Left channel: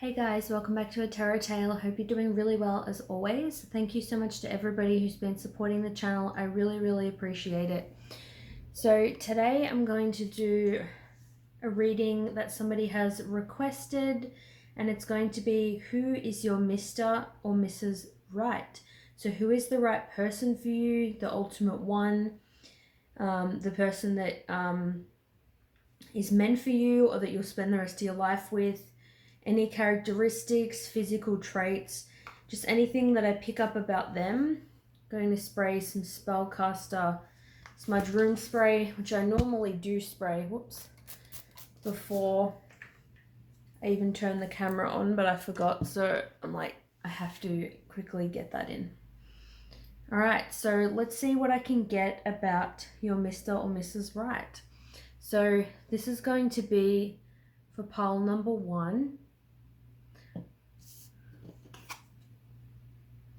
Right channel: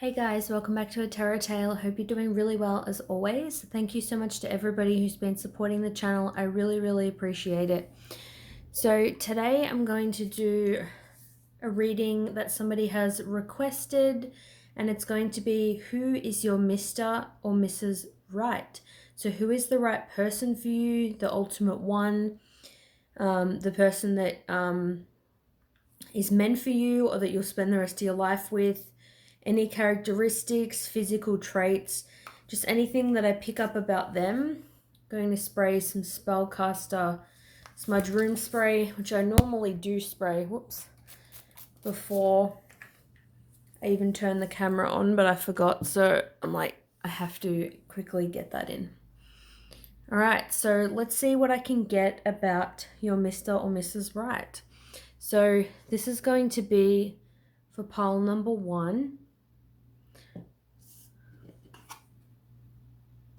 Hey guys, welcome back to A Tarot Tale. Hope you're doing really well as always. Thank you so much to everybody who's been supporting the channel. I really appreciate it. So today I'm going to do a reading that somebody has requested, and it's going to be who is your Mr. or Mrs. Right. So who is the right person for you, the ultimate one, the person that is meant for you or that you'll spend the rest of your life with. Any characteristics, physical traits, just anything that I pick up about them. I'm going to spray some Spellcaster Smudge Room Spray, which I normally do spray, before I even turn the camera on, but I forgot, so I'm like, I have to quickly get that in. Alright, so let's see what I can get about your Mr. or Mrs. Right. So this is going to be for pile number 1.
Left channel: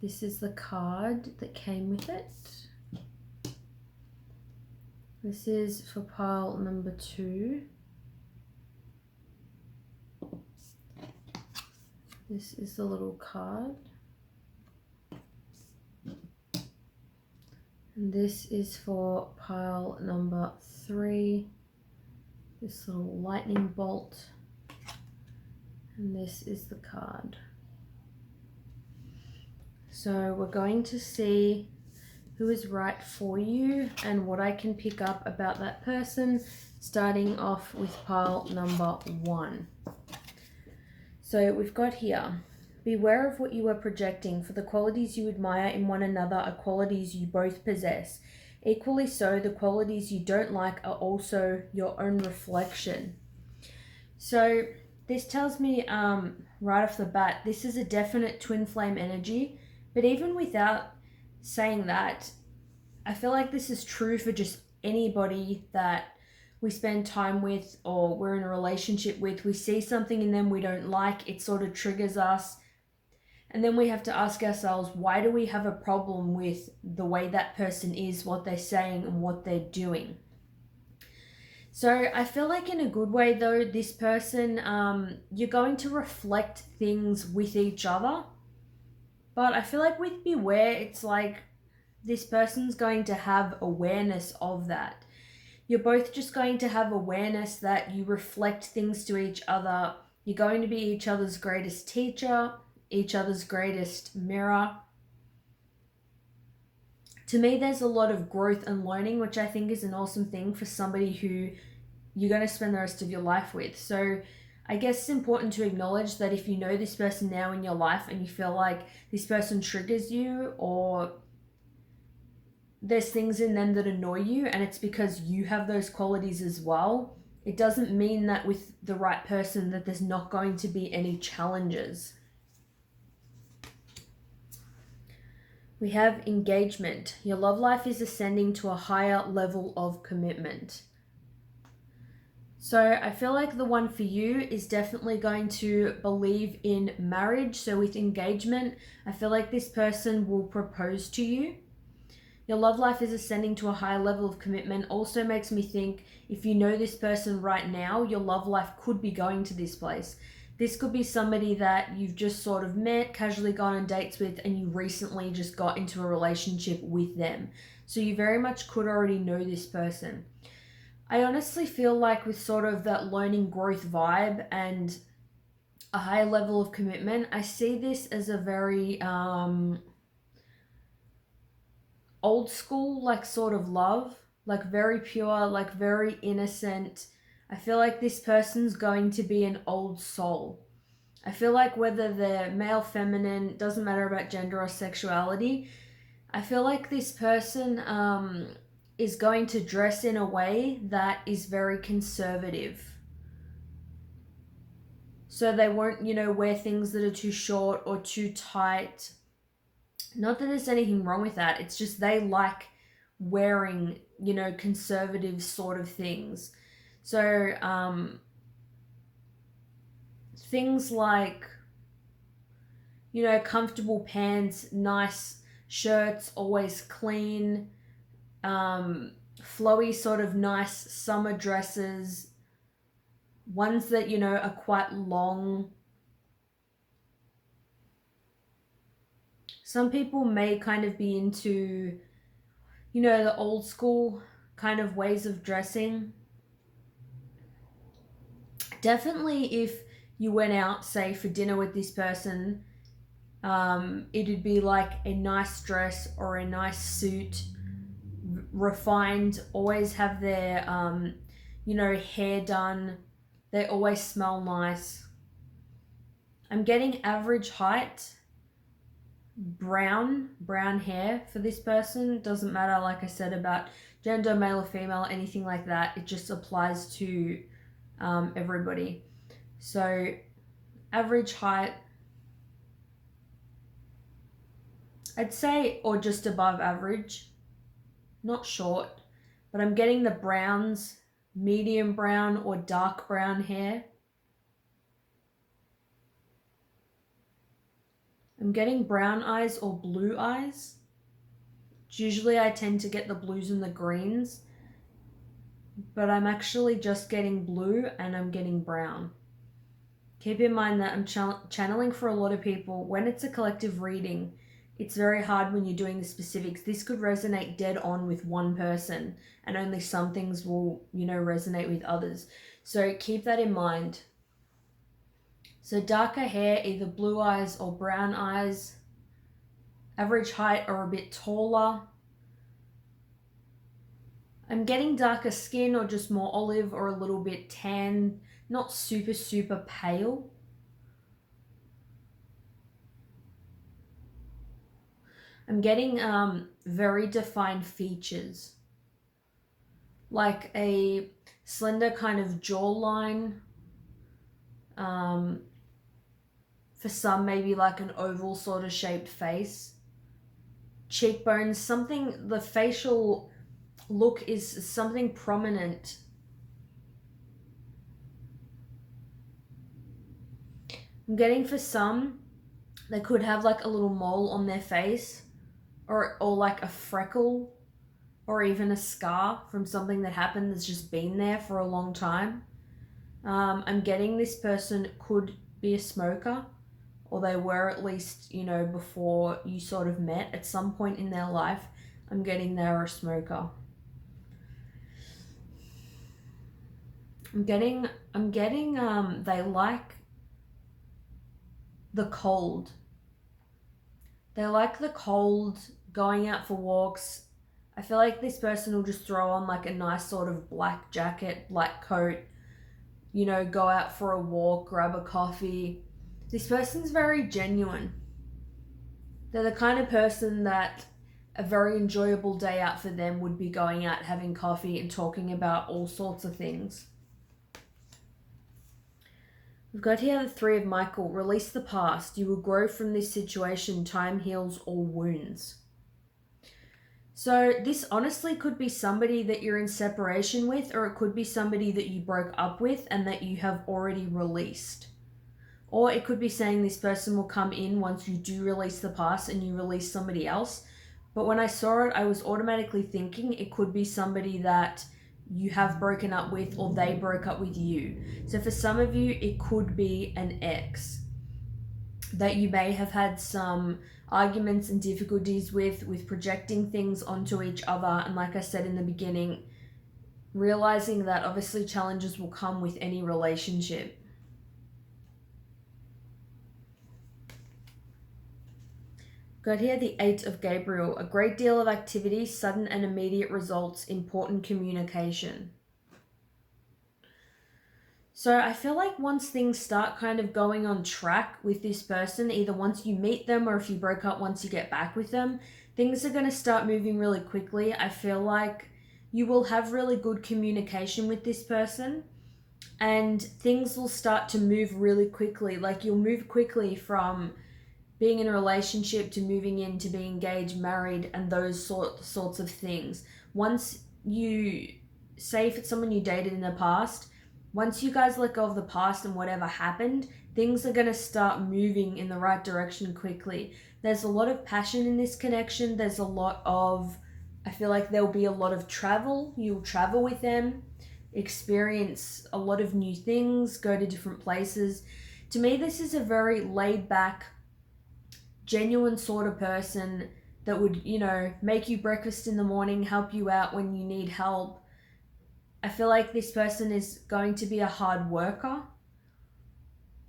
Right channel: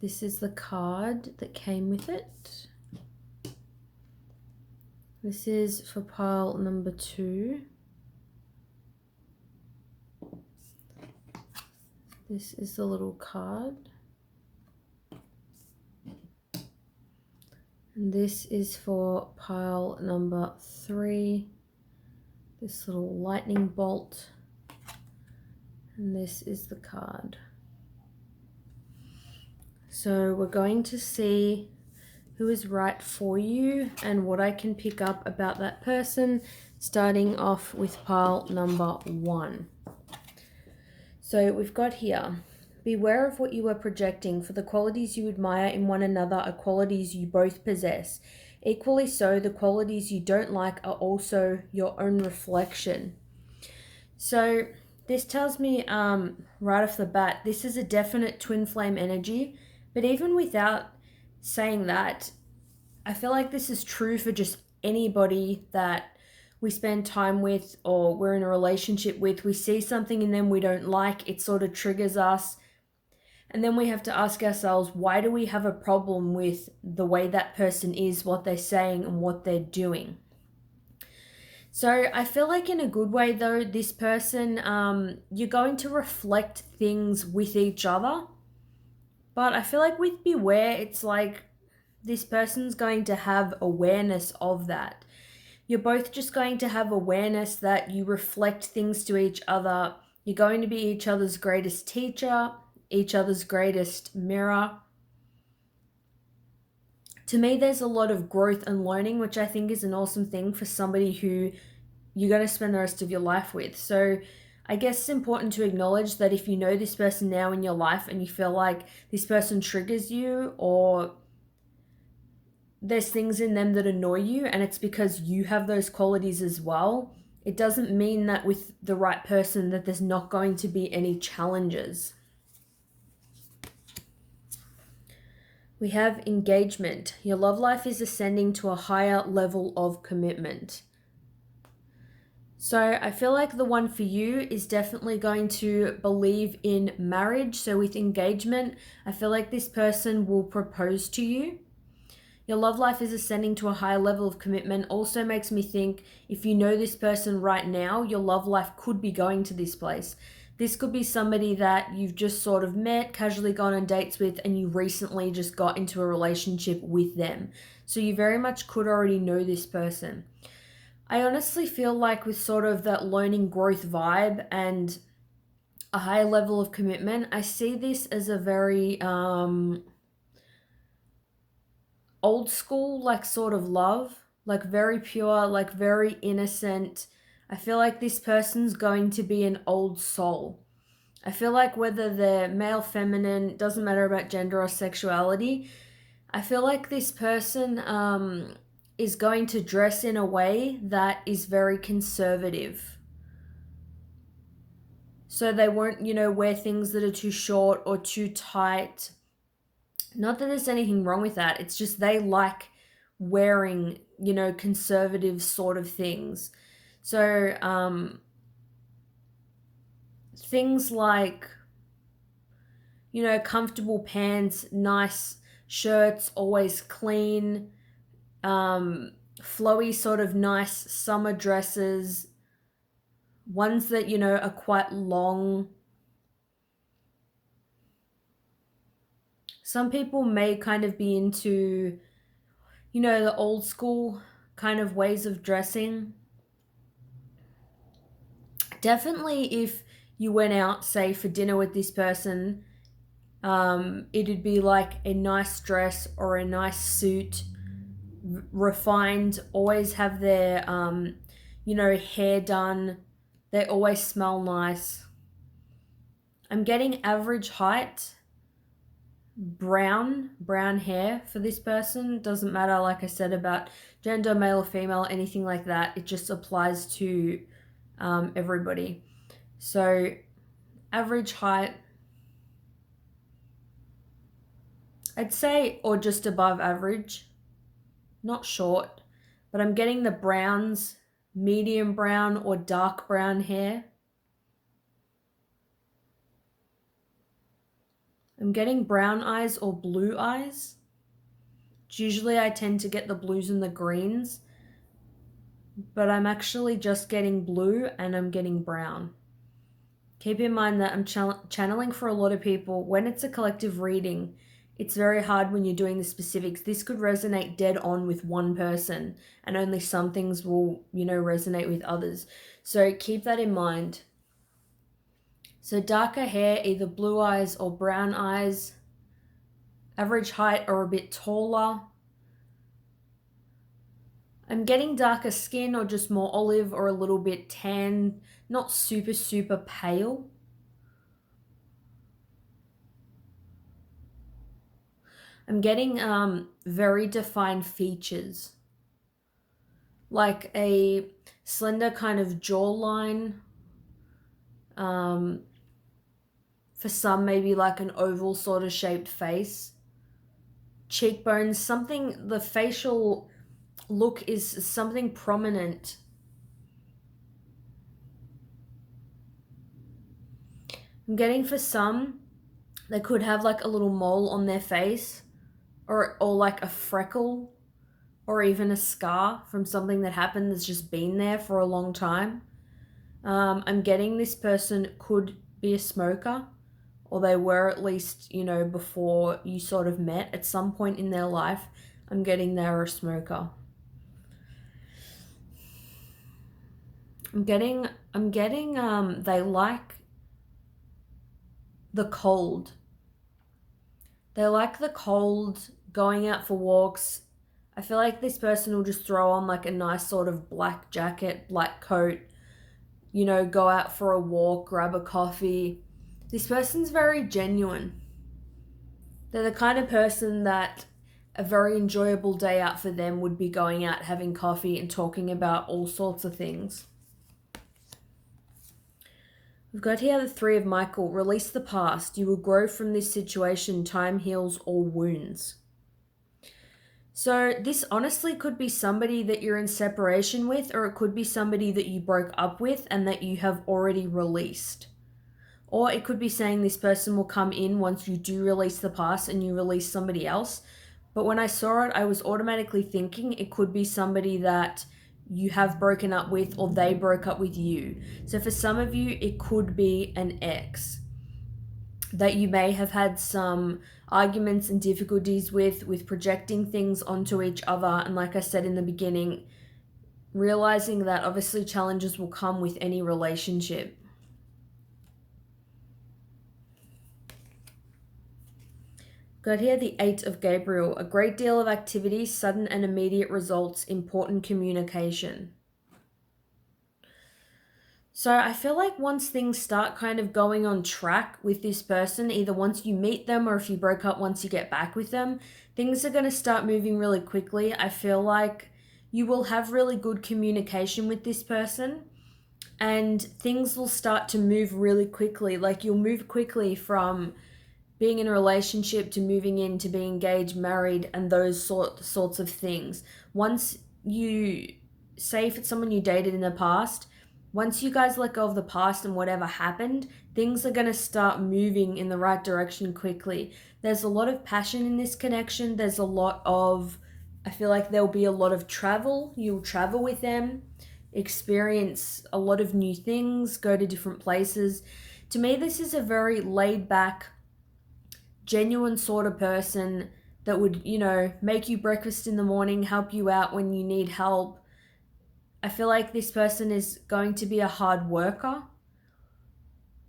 This is the card that came with it. This is for pile number 2. This is the little card. And this is for pile number 3. This little lightning bolt. And this is the card. So we're going to see who is right for you and what I can pick up about that person, starting off with pile number 1. So we've got here, beware of what you are projecting, for the qualities you admire in one another are qualities you both possess. Equally so, the qualities you don't like are also your own reflection. So this tells me right off the bat, this is a definite twin flame energy. But even without saying that, I feel like this is true for just anybody that we spend time with or we're in a relationship with. We see something in them we don't like, it sort of triggers us. And then we have to ask ourselves, why do we have a problem with the way that person is, what they're saying, and what they're doing? So I feel like in a good way though, this person, you're going to reflect things with each other. But I feel like with beware, it's like this person's going to have awareness of that. You're both just going to have awareness that you reflect things to each other. You're going to be each other's greatest teacher, each other's greatest mirror. To me, there's a lot of growth and learning, which I think is an awesome thing for somebody who you're going to spend the rest of your life with. So I guess it's important to acknowledge that if you know this person now in your life and you feel like this person triggers you or there's things in them that annoy you and it's because you have those qualities as well, it doesn't mean that with the right person that there's not going to be any challenges. We have engagement. Your love life is ascending to a higher level of commitment. So I feel like the one for you is definitely going to believe in marriage. So with engagement, I feel like this person will propose to you. Your love life is ascending to a higher level of commitment. Also makes me think if you know this person right now, your love life could be going to this place. This could be somebody that you've just sort of met, casually gone on dates with, and you recently just got into a relationship with them. So you very much could already know this person. I honestly feel like with sort of that learning growth vibe and a higher level of commitment, I see this as a very old school, like sort of love, like very pure, like very innocent. I feel like this person's going to be an old soul. I feel like whether they're male, feminine, doesn't matter about gender or sexuality, I feel like this person is going to dress in a way that is very conservative. So they won't, wear things that are too short or too tight. Not that there's anything wrong with that. It's just they like wearing, conservative sort of things. So things like, comfortable pants, nice shirts, always clean, flowy sort of nice summer dresses, ones that, are quite long, Some people may kind of be into, you know, the old school kind of ways of dressing. Definitely if you went out, say, for dinner with this person, it'd be like a nice dress or a nice suit, refined, always have their, you know, hair done. They always smell nice. I'm getting average height, brown hair for this person. Doesn't matter, like I said, about gender, male or female, anything like that. It just applies to everybody. So average height, I'd say, or just above average, not short, but I'm getting the browns, medium brown or dark brown hair. I'm getting brown eyes or blue eyes. Usually I tend to get the blues and the greens, but I'm actually just getting blue and I'm getting brown. Keep in mind that I'm channeling for a lot of people. When it's a collective reading, it's very hard when you're doing the specifics. This could resonate dead on with one person, and only some things will, you know, resonate with others. So keep that in mind. So darker hair, either blue eyes or brown eyes. Average height or a bit taller. I'm getting darker skin or just more olive or a little bit tan, not super, super pale. I'm getting very defined features, like a slender kind of jawline. For some, maybe like an oval sort of shaped face. Cheekbones, something, the facial look is something prominent. I'm getting for some, they could have like a little mole on their face, or like a freckle, or even a scar from something that happened that's just been there for a long time. I'm getting this person could be a smoker, or they were at least, you know, before you sort of met at some point in their life. I'm getting they're a smoker. I'm getting they like the cold. They like the cold, going out for walks. I feel like this person will just throw on like a nice sort of black jacket, black coat, you know, go out for a walk, grab a coffee. This person's very genuine. They're the kind of person that a very enjoyable day out for them would be going out, having coffee and talking about all sorts of things. We've got here the Three of Michael. Release the past. You will grow from this situation. Time heals all wounds. So this honestly could be somebody that you're in separation with, or it could be somebody that you broke up with and that you have already released. Or it could be saying this person will come in once you do release the past and you release somebody else. But when I saw it, I was automatically thinking it could be somebody that you have broken up with, or they broke up with you. So for some of you, it could be an ex that you may have had some arguments and difficulties with projecting things onto each other. And like I said in the beginning, realizing that obviously challenges will come with any relationship. Got here the Eight of Gabriel. A great deal of activity, sudden and immediate results, important communication. So I feel like once things start kind of going on track with this person, either once you meet them or if you broke up once you get back with them, things are going to start moving really quickly. I feel like you will have really good communication with this person and things will start to move really quickly. Like you'll move quickly from being in a relationship to moving into being engaged, married, and those sorts of things. Once you, say if it's someone you dated in the past, once you guys let go of the past and whatever happened, things are going to start moving in the right direction quickly. There's a lot of passion in this connection. There's a lot of, I feel like there'll be a lot of travel. You'll travel with them, experience a lot of new things, go to different places. To me, this is a very laid back, genuine sort of person that would, you know, make you breakfast in the morning, help you out when you need help. I feel like this person is going to be a hard worker.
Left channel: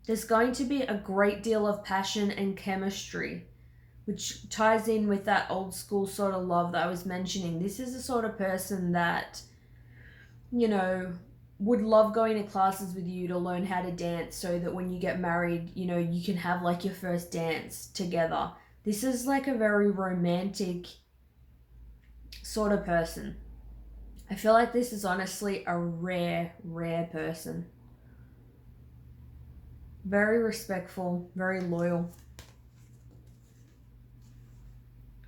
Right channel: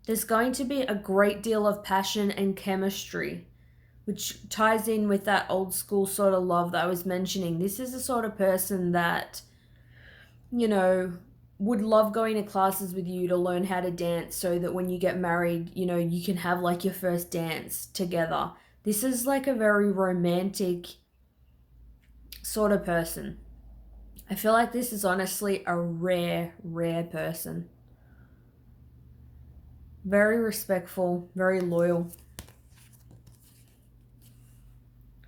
There's going to be a great deal of passion and chemistry, which ties in with that old school sort of love that I was mentioning. This is the sort of person that, you know, would love going to classes with you to learn how to dance so that when you get married, you know, you can have like your first dance together. This is like a very romantic sort of person. I feel like this is honestly a rare, rare person. Very respectful, very loyal.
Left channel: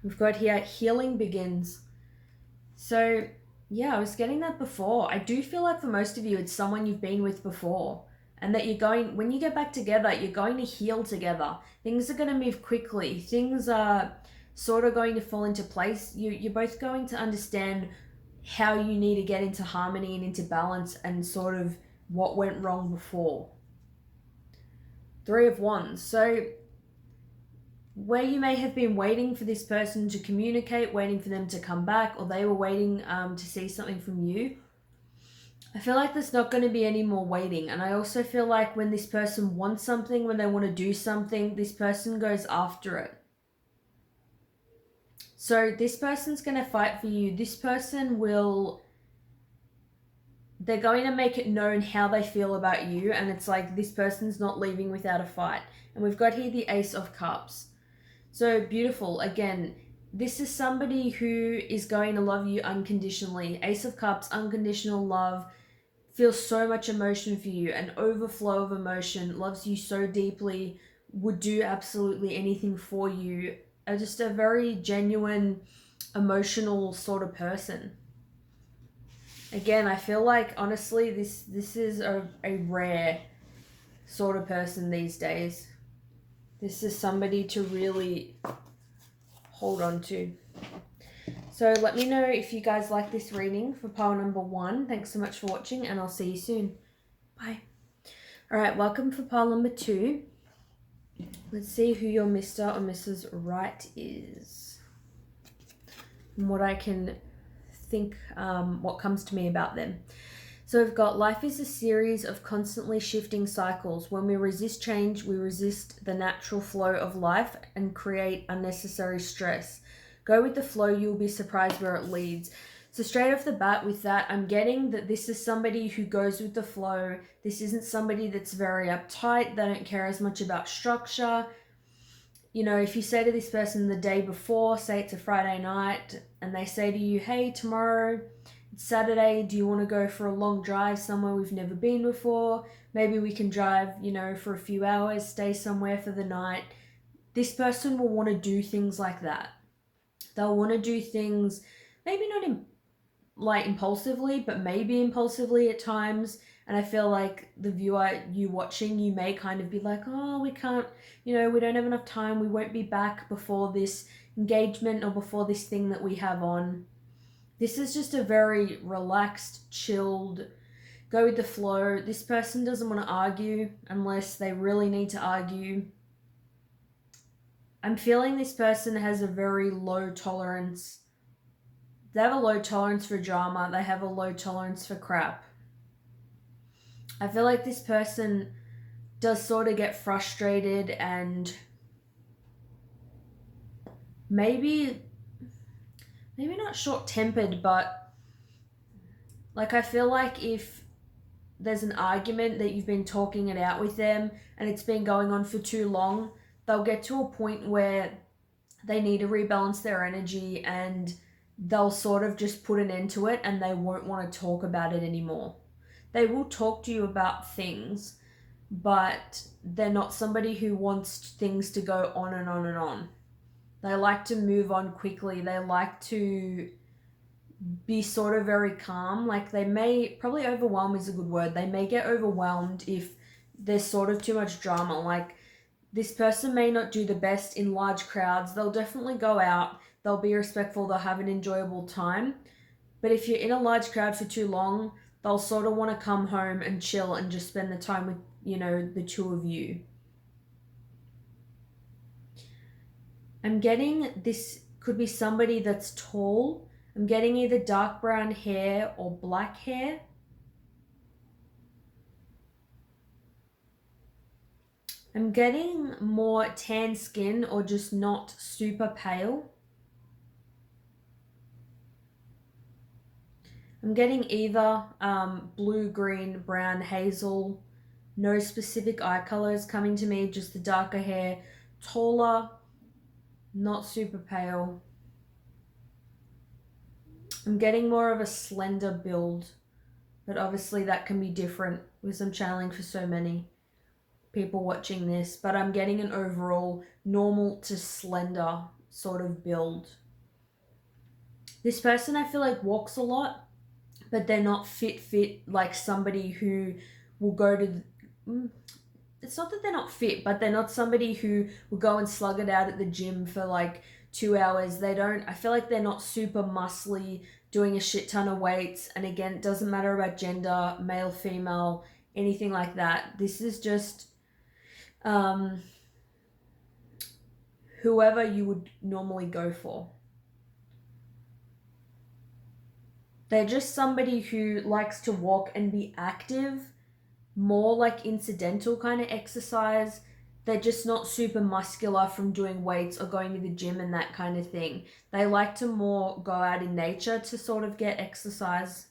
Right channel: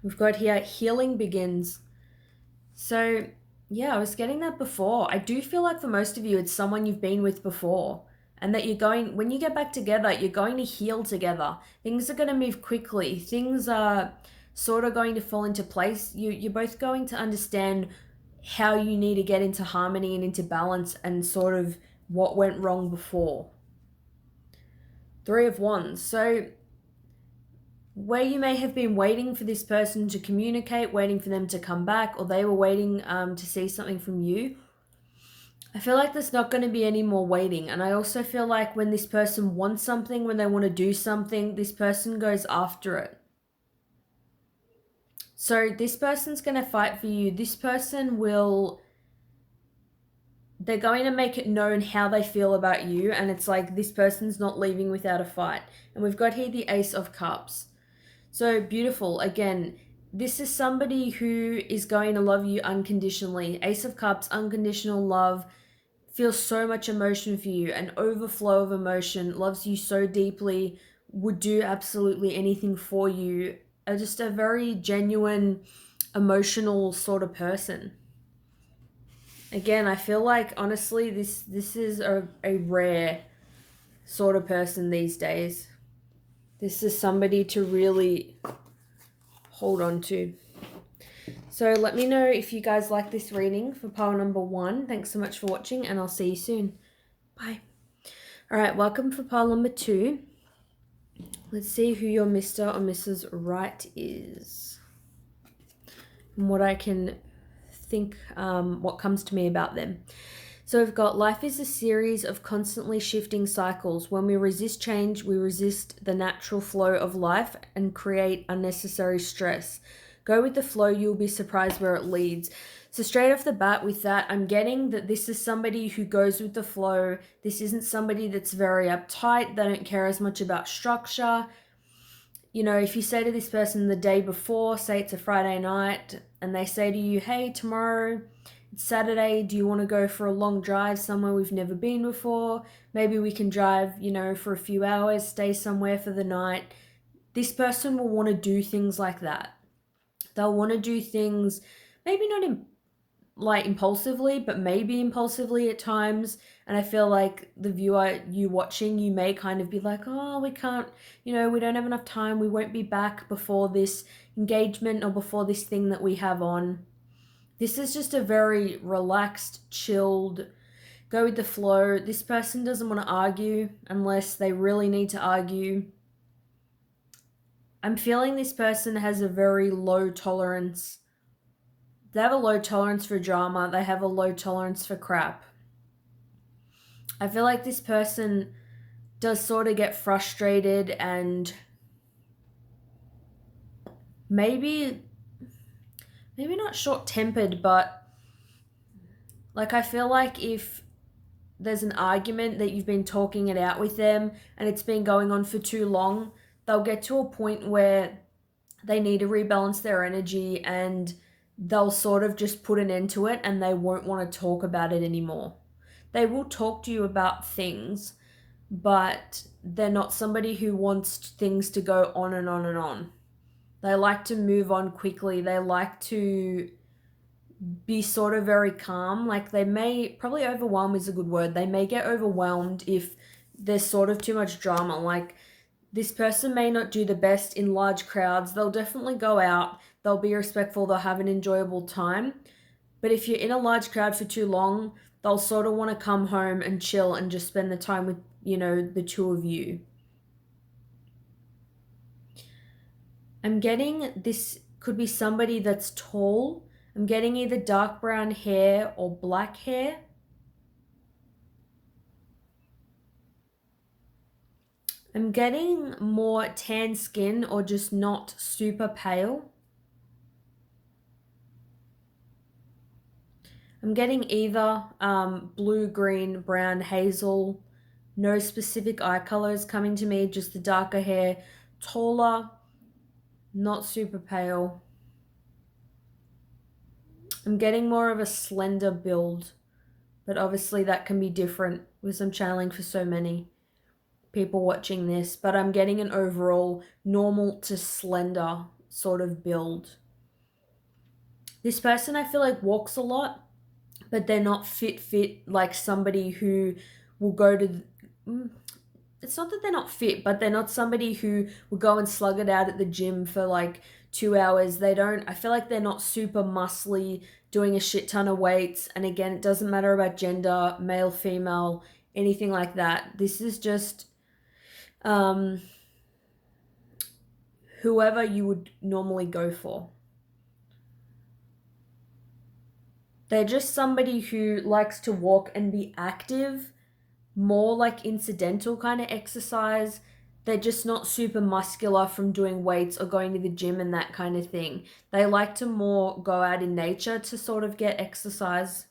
We've got here, healing begins. So, yeah, I was getting that before. I do feel like for most of you, it's someone you've been with before. And that you're going, when you get back together, you're going to heal together. Things are going to move quickly. Things are sort of going to fall into place. You're both going to understand how you need to get into harmony and into balance and sort of what went wrong before. Three of Wands. So where you may have been waiting for this person to communicate, waiting for them to come back, or they were waiting to see something from you, I feel like there's not going to be any more waiting. And I also feel like when this person wants something, when they want to do something, this person goes after it. So this person's going to fight for you. This person will, they're going to make it known how they feel about you. And it's like this person's not leaving without a fight. And we've got here the Ace of Cups. So beautiful. Again, this is somebody who is going to love you unconditionally. Ace of Cups, unconditional love, feels so much emotion for you, an overflow of emotion, loves you so deeply, would do absolutely anything for you. Just a very genuine, emotional sort of person. Again, I feel like honestly this is a rare sort of person these days. This is somebody to really hold on to. So let me know if you guys like this reading for pile number 1. Thanks so much for watching, and I'll see you soon. Bye. All right, welcome for pile number 2. Let's see who your Mr. or Mrs. Right is. And what I can think, what comes to me about them. So we've got, life is a series of constantly shifting cycles. When we resist change, we resist the natural flow of life and create unnecessary stress. Go with the flow, you'll be surprised where it leads. So straight off the bat with that, I'm getting that this is somebody who goes with the flow. This isn't somebody that's very uptight. They don't care as much about structure. You know, if you say to this person the day before, say it's a Friday night, and they say to you, hey, tomorrow it's Saturday, do you want to go for a long drive somewhere we've never been before? Maybe we can drive, you know, for a few hours, stay somewhere for the night. This person will want to do things like that. They'll want to do things, maybe not like impulsively, but maybe impulsively at times. And I feel like the viewer, you watching, you may kind of be like, oh, we can't, you know, we don't have enough time. We won't be back before this engagement or before this thing that we have on. This is just a very relaxed, chilled, go with the flow. This person doesn't want to argue unless they really need to argue. I'm feeling this person has a very low tolerance. They have a low tolerance for drama. They have a low tolerance for crap. I feel like this person does sort of get frustrated and maybe not short-tempered, but like I feel like if there's an argument that you've been talking it out with them and it's been going on for too long, they'll get to a point where they need to rebalance their energy and they'll sort of just put an end to it and they won't want to talk about it anymore. They will talk to you about things, but they're not somebody who wants things to go on and on and on. They like to move on quickly. They like to be sort of very calm. Like they may, probably overwhelm is a good word. They may get overwhelmed if there's sort of too much drama. Like this person may not do the best in large crowds. They'll definitely go out. They'll be respectful. They'll have an enjoyable time. But if you're in a large crowd for too long, they'll sort of want to come home and chill and just spend the time with, you know, the two of you. I'm getting this could be somebody that's tall. I'm getting either dark brown hair or black hair. I'm getting more tan skin or just not super pale. I'm getting either blue, green, brown, hazel. No specific eye colors coming to me, just the darker hair, taller, not super pale. I'm getting more of a slender build, but obviously that can be different because I'm channeling for so many people watching this, but I'm getting an overall normal to slender sort of build. This person I feel like walks a lot, but they're not fit like somebody who will go to it's not that they're not fit, but they're not somebody who will go and slug it out at the gym for like 2 hours. I feel like they're not super muscly, doing a shit ton of weights. And again, it doesn't matter about gender, male, female, anything like that. This is just whoever you would normally go for. They're just somebody who likes to walk and be active, more like incidental kind of exercise. They're just not super muscular from doing weights or going to the gym and that kind of thing. They like to more go out in nature to sort of get exercise.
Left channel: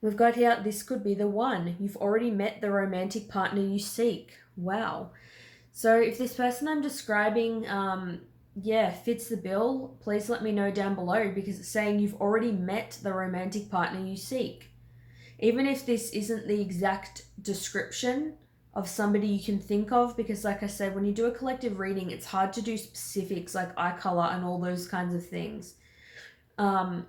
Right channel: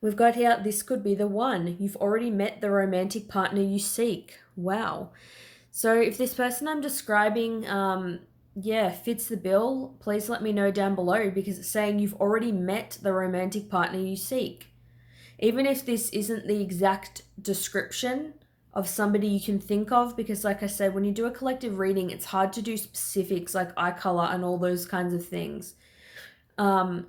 We've got here, this could be the one. You've already met the romantic partner you seek. Wow. So if this person I'm describing, fits the bill, please let me know down below, because it's saying you've already met the romantic partner you seek. Even if this isn't the exact description of somebody you can think of, because like I said, when you do a collective reading, it's hard to do specifics like eye color and all those kinds of things. But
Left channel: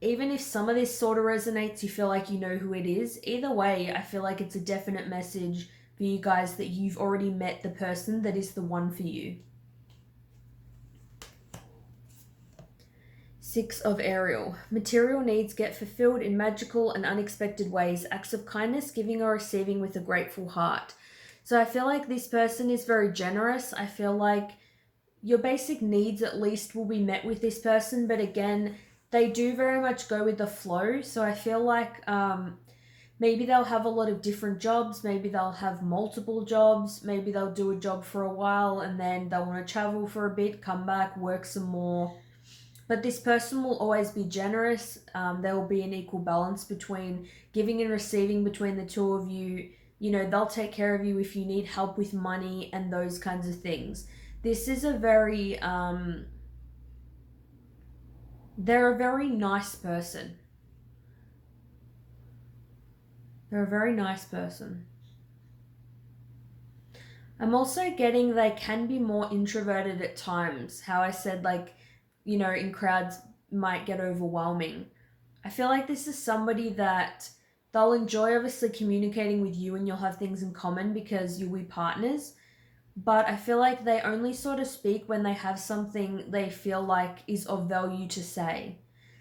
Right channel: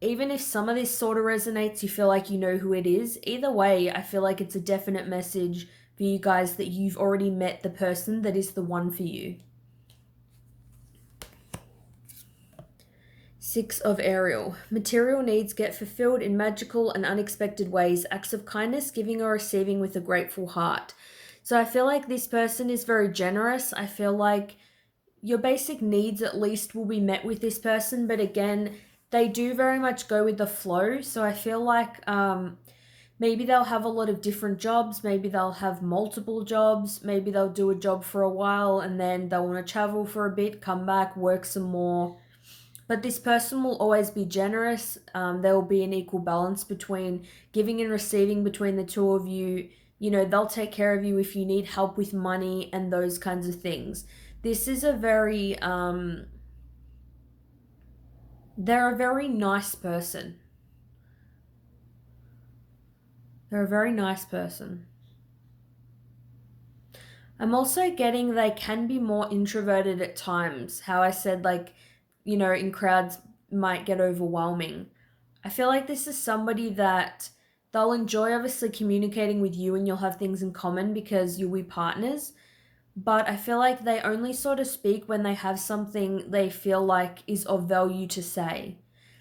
even if some of this sort of resonates, you feel like you know who it is. Either way, I feel like it's a definite message for you guys that you've already met the person that is the one for you. Six of Ariel. Material needs get fulfilled in magical and unexpected ways. Acts of kindness, giving or receiving with a grateful heart. So I feel like this person is very generous. I feel like your basic needs at least will be met with this person. But again, they do very much go with the flow. So I feel like maybe they'll have a lot of different jobs. Maybe they'll have multiple jobs. Maybe they'll do a job for a while and then they'll want to travel for a bit, come back, work some more. But this person will always be generous. There will be an equal balance between giving and receiving between the two of you. You know, they'll take care of you if you need help with money and those kinds of things. This is a very, they're a very nice person. They're a very nice person. I'm also getting they can be more introverted at times. How I said, like, you know, in crowds might get overwhelming. I feel like this is somebody that they'll enjoy obviously communicating with you and you'll have things in common because you'll be partners. But I feel like they only sort of speak when they have something they feel like is of value to say.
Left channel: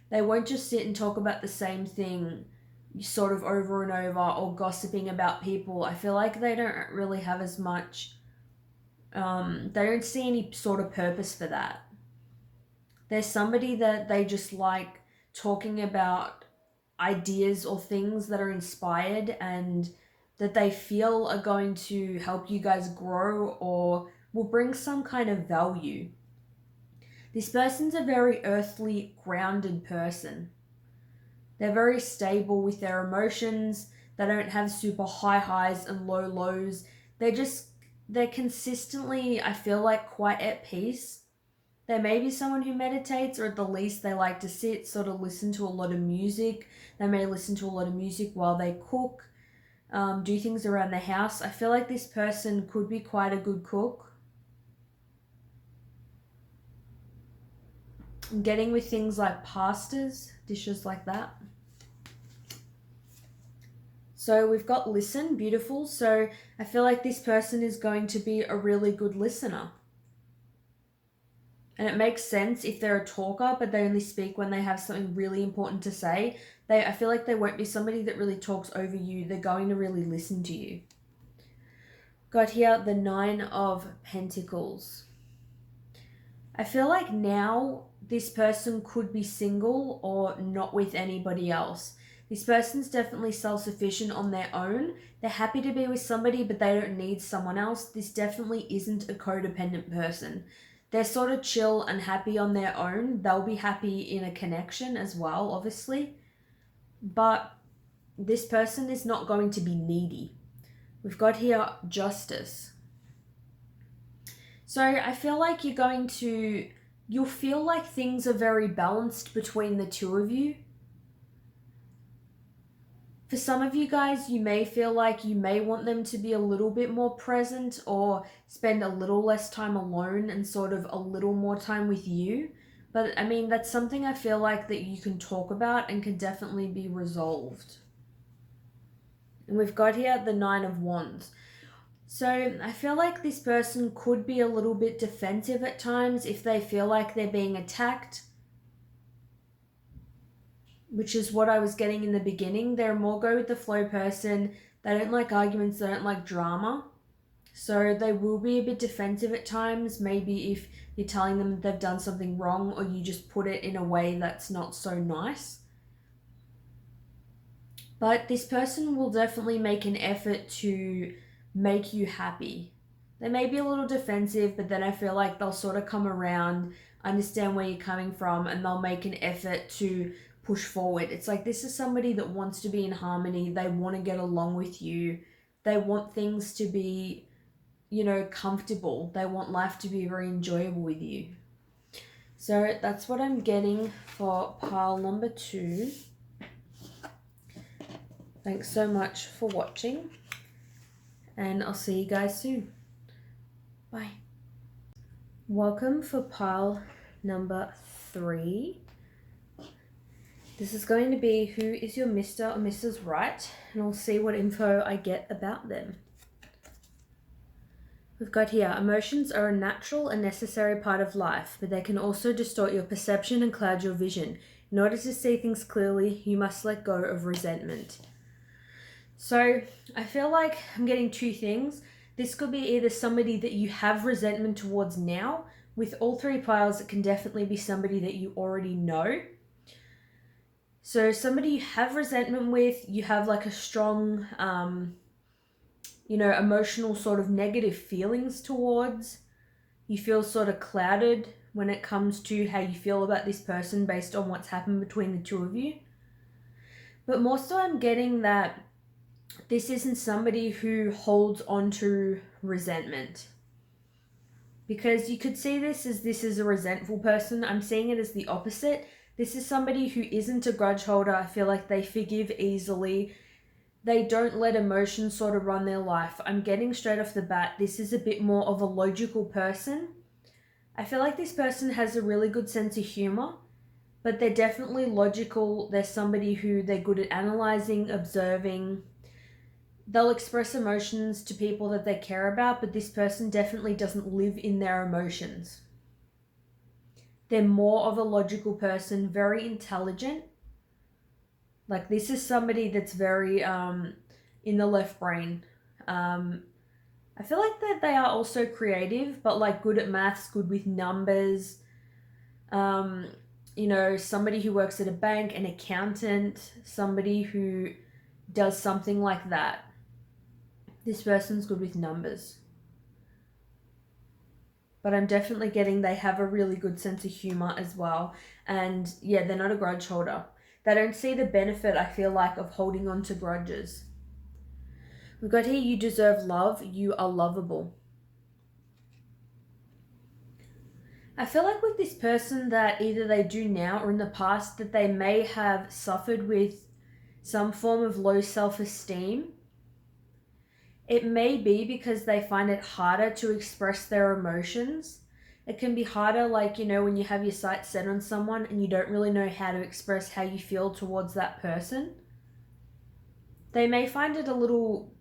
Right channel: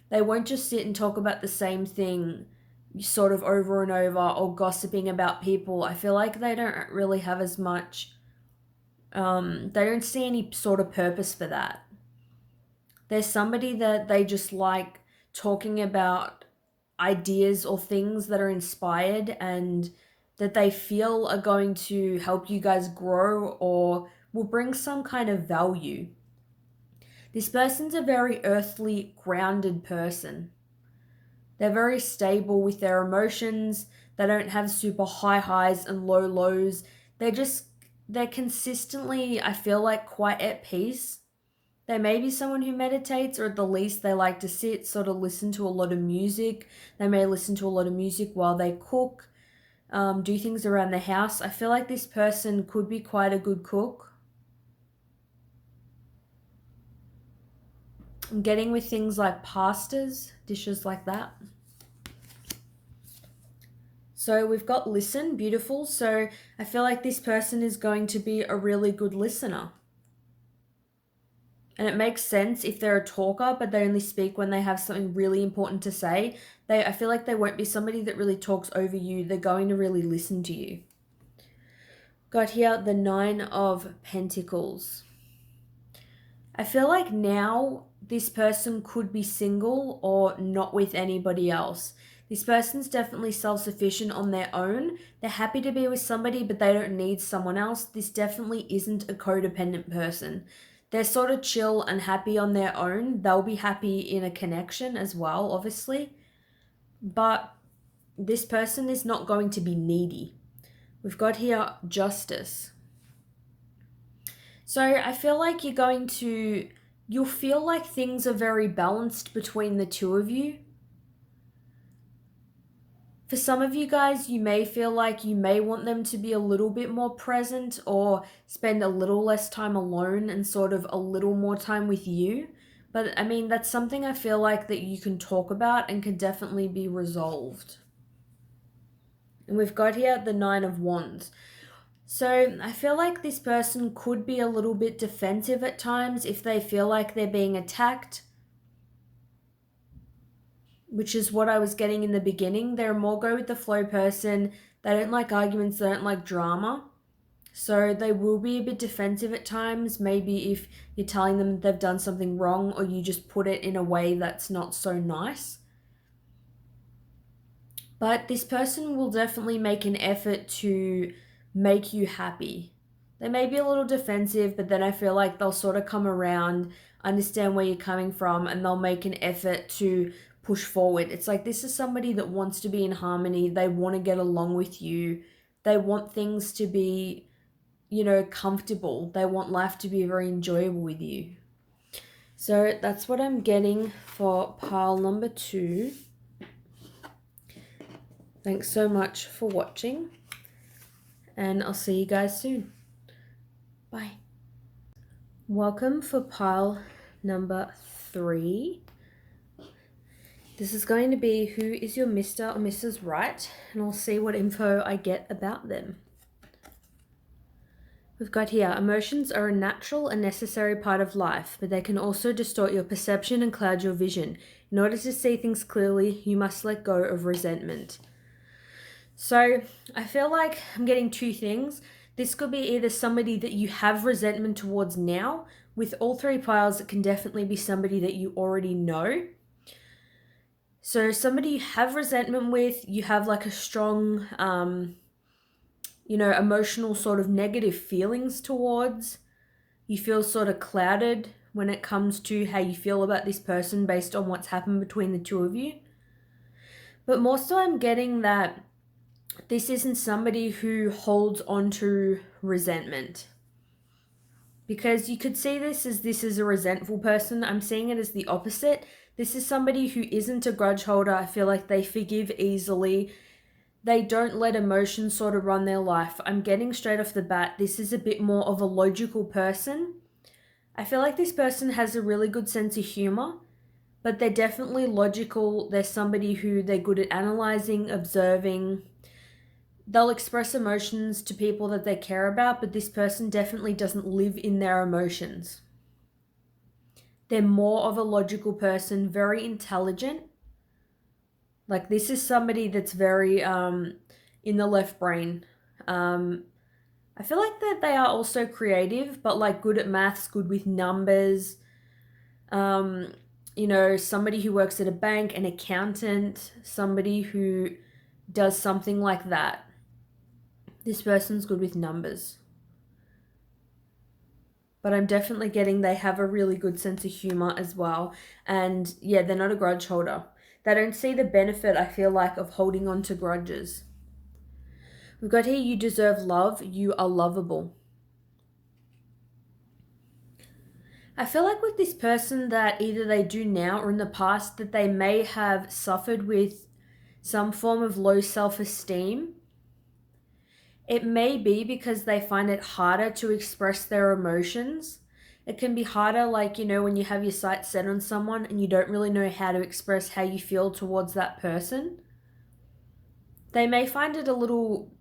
They won't just sit and talk about the same thing sort of over and over or gossiping about people. I feel like they don't really have as much, they don't see any sort of purpose for that. There's somebody that they just like talking about ideas or things that are inspired and that they feel are going to help you guys grow or will bring some kind of value. This person's a very earthly, grounded person. They're very stable with their emotions. They don't have super high highs and low lows. They're consistently, I feel like, quite at peace. They may be someone who meditates, or at the least they like to sit, sort of listen to a lot of music. They may listen to a lot of music while they cook, do things around the house. I feel like this person could be quite a good cook. I'm getting with things like pastas, dishes like that. So we've got listen, beautiful. So I feel like this person is going to be a really good listener. And it makes sense if they're a talker, but they only speak when they have something really important to say. I feel like they won't be somebody that really talks over you. They're going to really listen to you. got here the 9 of Pentacles. I feel like now this person could be single or not with anybody else. This person's definitely self-sufficient on their own. They're happy to be with somebody, but they don't need someone else. This definitely isn't a codependent person. They're sort of chill and happy on their own. They'll be happy in a connection as well, obviously. But this person is not going to be needy. We've got here Justice. So I feel like you'll feel like things are very balanced between the two of you. For some of you guys, you may feel like you may want them to be a little bit more present or spend a little less time alone and sort of a little more time with you. But I mean, that's something I feel like that you can talk about and can definitely be resolved. And we've got here the 9 of Wands. So I feel like this person could be a little bit defensive at times if they feel like they're being attacked, which is what I was getting in the beginning. They're a more go with the flow person. They don't like arguments. They don't like drama. So they will be a bit defensive at times. Maybe if you're telling them they've done something wrong or you just put it in a way that's not so nice. But this person will definitely make an effort to make you happy. They may be a little defensive, but then I feel like they'll sort of come around, understand where you're coming from, and they'll make an effort to push forward. It's like this is somebody that wants to be in harmony. They want to get along with you. They want things to be, comfortable. They want life to be very enjoyable with you. So that's what I'm getting for pile number 2. Thanks so much for watching, and I'll see you guys soon. Bye. Welcome for pile number 3. This is going to be who is your Mr. or Mrs. Right, and I'll see what info I get about them. We've got here, emotions are a natural and necessary part of life, but they can also distort your perception and cloud your vision. In order to see things clearly, you must let go of resentment. So I feel like I'm getting 2 things. This could be either somebody that you have resentment towards now. With all 3 piles, it can definitely be somebody that you already know. So somebody you have resentment with, you have like a strong, emotional sort of negative feelings towards. You feel sort of clouded when it comes to how you feel about this person based on what's happened between the 2 of you. But more so I'm getting that this isn't somebody who holds on to resentment. Because you could see this is a resentful person. I'm seeing it as the opposite. This is somebody who isn't a grudge holder. I feel like they forgive easily. They don't let emotions sort of run their life. I'm getting straight off the bat, this is a bit more of a logical person. I feel like this person has a really good sense of humor, but they're definitely logical. They're somebody who they're good at analyzing, observing. They'll express emotions to people that they care about, but this person definitely doesn't live in their emotions. They're more of a logical person, very intelligent. Like this is somebody that's very in the left brain. I feel like that they are also creative, but like good at maths, good with numbers. Somebody who works at a bank, an accountant, somebody who does something like that. This person's good with numbers. But I'm definitely getting they have a really good sense of humor as well. And yeah, they're not a grudge holder. They don't see the benefit, I feel like, of holding on to grudges. We've got here, you deserve love. You are lovable. I feel like with this person that either they do now or in the past that they may have suffered with some form of low self-esteem. It may be because they find it harder to express their emotions. It can be harder, like, when you have your sights set on someone and you don't really know how to express how you feel towards that person. They may find it a little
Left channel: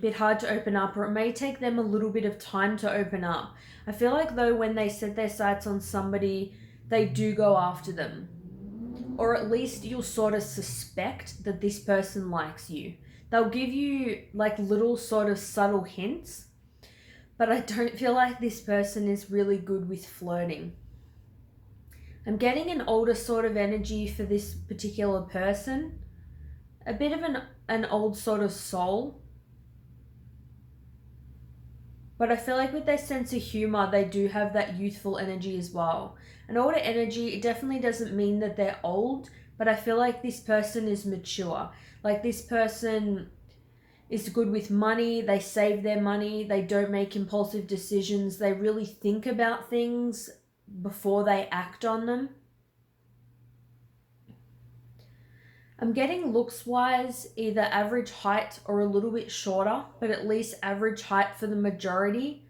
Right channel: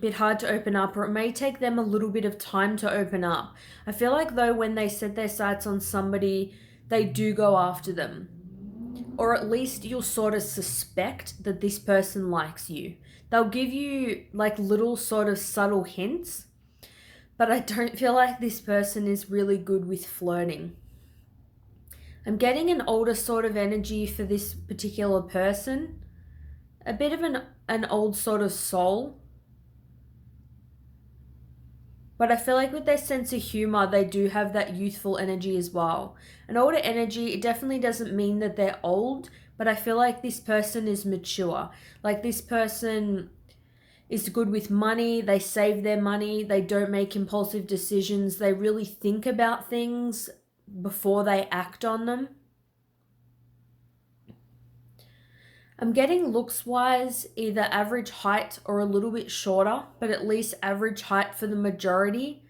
bit hard to open up, or it may take them a little bit of time to open up. I feel like though when they set their sights on somebody, they do go after them. Or at least you'll sort of suspect that this person likes you. They'll give you like little sort of subtle hints, but I don't feel like this person is really good with flirting. I'm getting an older sort of energy for this particular person, a bit of an old sort of soul. But I feel like with their sense of humor, they do have that youthful energy as well. An older energy, it definitely doesn't mean that they're old, but I feel like this person is mature. Like this person is good with money, they save their money, they don't make impulsive decisions, they really think about things before they act on them. I'm getting looks wise either average height or a little bit shorter, but at least average height for the majority.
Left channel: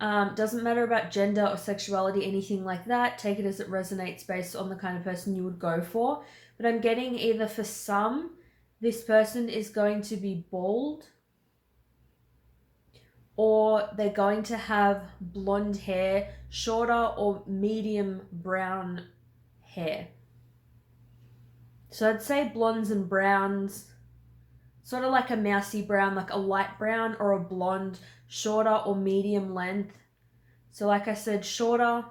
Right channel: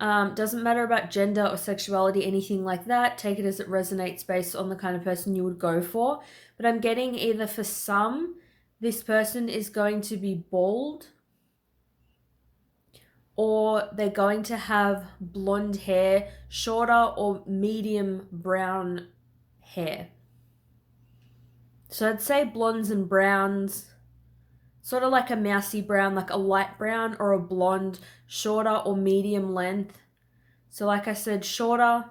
Doesn't matter about gender or sexuality, anything like that. Take it as it resonates based on the kind of person you would go for. But I'm getting either for some, this person is going to be bald, or they're going to have blonde hair, shorter or medium brown hair. So I'd say blondes and browns, sort of like a mousy brown, like a light brown or a blonde, shorter or medium length. So like I said, shorter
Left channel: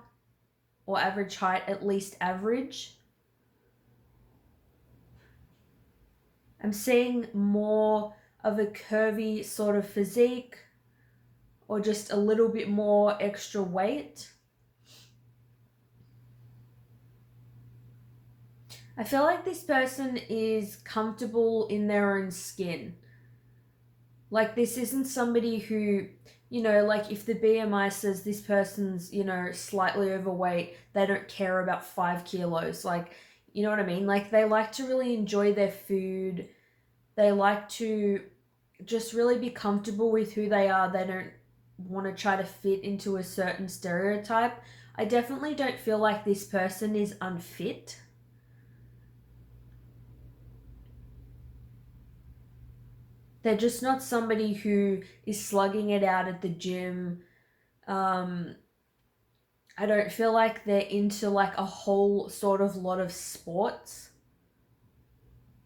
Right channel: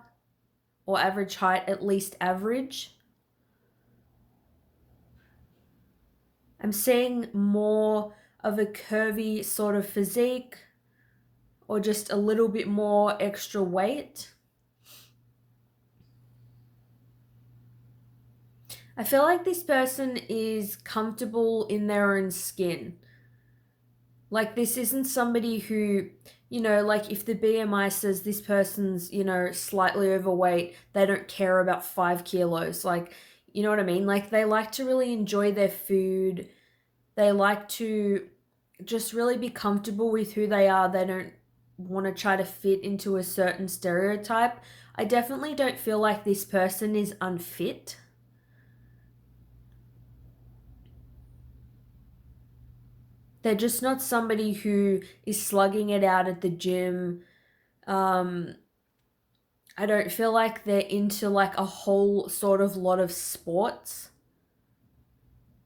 or average height, at least average. I'm seeing more of a curvy sort of physique or just a little bit more extra weight. I feel like this person is comfortable in their own skin. Like this isn't somebody who, like if the BMI says this person's, slightly overweight, they don't care about 5 kilos. Like, you know what I mean? Like they like to really enjoy their food. They like to just really be comfortable with who they are. They don't want to try to fit into a certain stereotype. I definitely don't feel like this person is unfit. They're just not somebody who is slugging it out at the gym. I don't feel like they're into like a whole sort of lot of sports.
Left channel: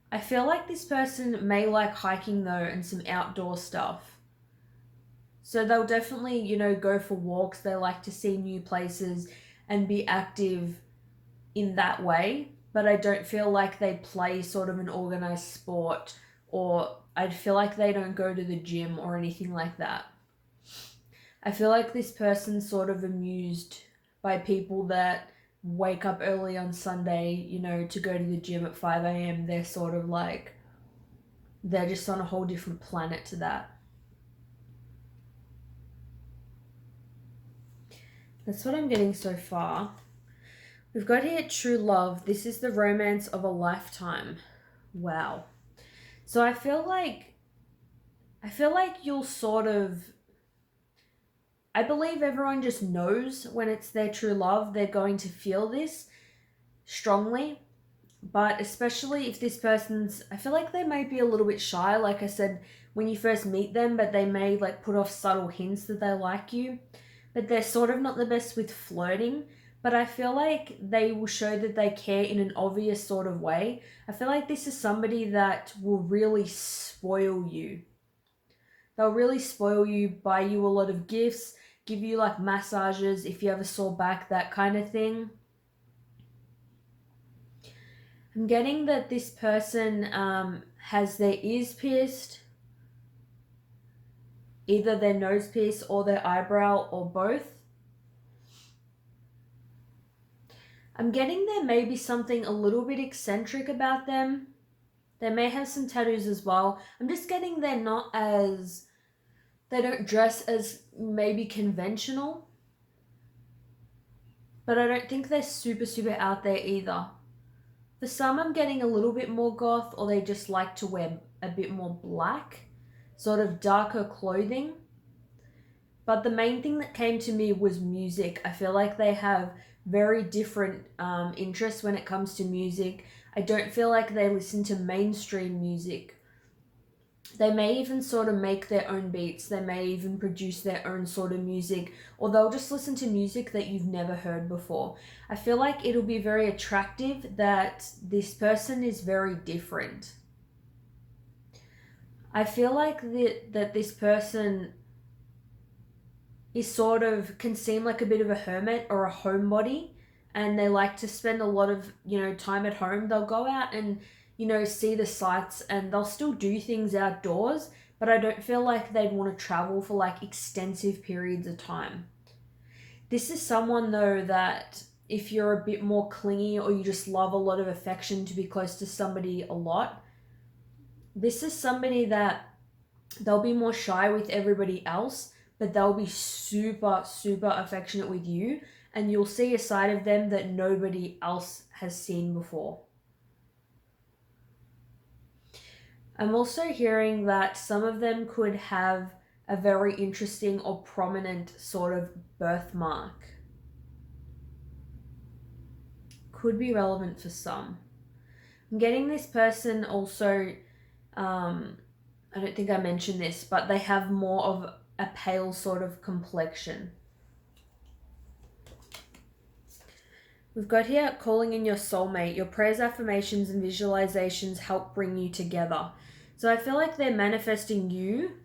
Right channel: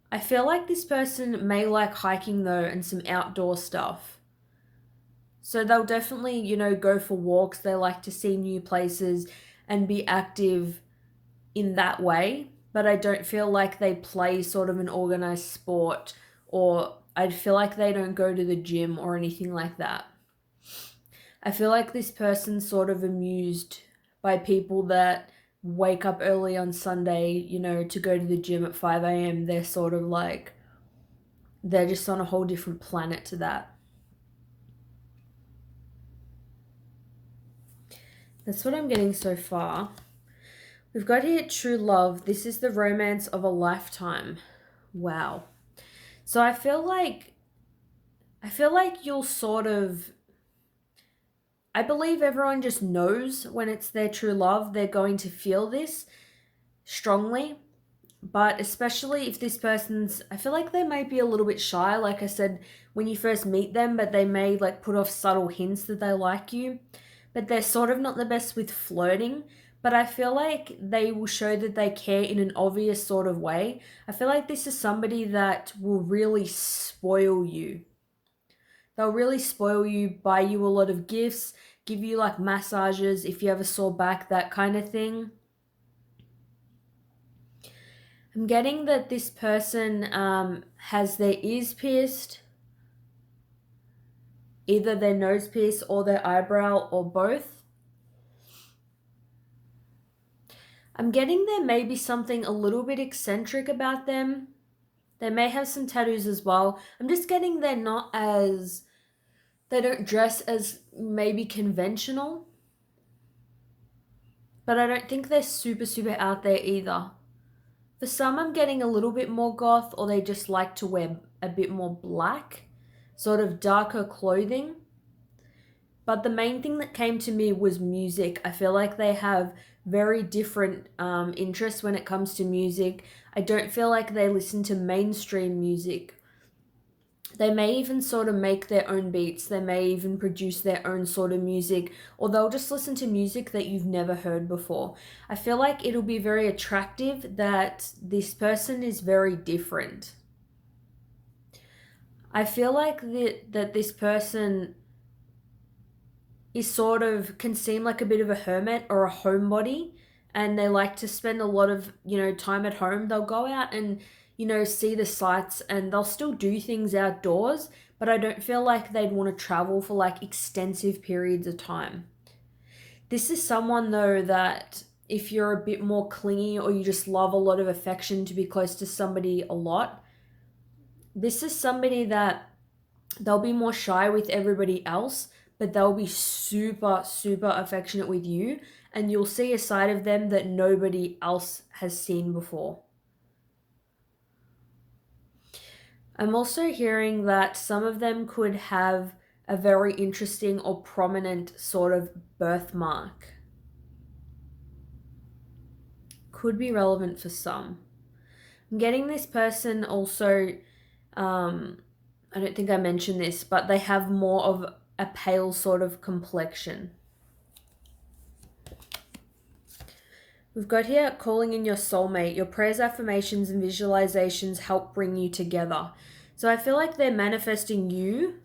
I feel like this person may like hiking though and some outdoor stuff. So they'll definitely, go for walks. They like to see new places and be active in that way. But I don't feel like they play sort of an organized sport, or I feel like they don't go to the gym or anything like that. I feel like this person's sort of amused by people that wake up early on Sunday, to go to the gym at 5 a.m. They're sort of like, they're just on a whole different planet to that. That's what I'm getting so far. We've got here true love. This is the romance of a lifetime. Wow. So I feel like you'll sort of, I believe everyone just knows when it's their true love. They're going to feel this strongly. But especially if this person's, I feel like they may be a little bit shy, like I said, when you first meet them, but they may like put off subtle hints that they like you. But they're sort of not the best with flirting. But I feel like they will show that they care in an obvious sort of way. I feel like this is somebody that will really spoil you. They'll really spoil you, buy you a lot of gifts, give you like massages if you have a sore back, that kind of thing. I'm getting that this person has their ears pierced, either their nose pierced or their eyebrow or both. I'm getting there may be something a little bit eccentric about them. They may have some tattoos as well. I'm just getting they're not as, they don't dress as maybe conventional. But I don't think they're super, super out there either. For some, I'm getting a little bit more goth, or they just like to wear a bit more black, sort of darker clothing. But the main thing that came to me was music. I feel like they have very different interests when it comes to music. I don't feel like they listen to mainstream music. They may even sort of make their own beats. They may even produce their own sort of music, or they'll just listen to music that you've never heard before. I feel like it'll be very attractive that this person is very different. I feel like that this person is sort of can seem like a bit of a hermit or a homebody, and they like to spend a lot of, time at home. They'll go out and, see the sights, and they'll still do things outdoors, but I don't feel like they'd want to travel for like extensive periods of time. This is someone though that if you're a bit more clingy or you just love a lot of affection to be close to somebody a lot, this is somebody that they'll be more shy with everybody else, but they'll be super, super affectionate with you, and you'll see a side of them that nobody else has seen before. I'm also hearing that some of them could have a very interesting or prominent sort of birthmark. Could be relevant for some. I'm getting this person also, I don't think I mentioned this, but they have more of a pale sort of complexion. We've got here calling in your soulmate. Your prayers, affirmations, and visualizations help bring you together. So I feel like they're manifesting you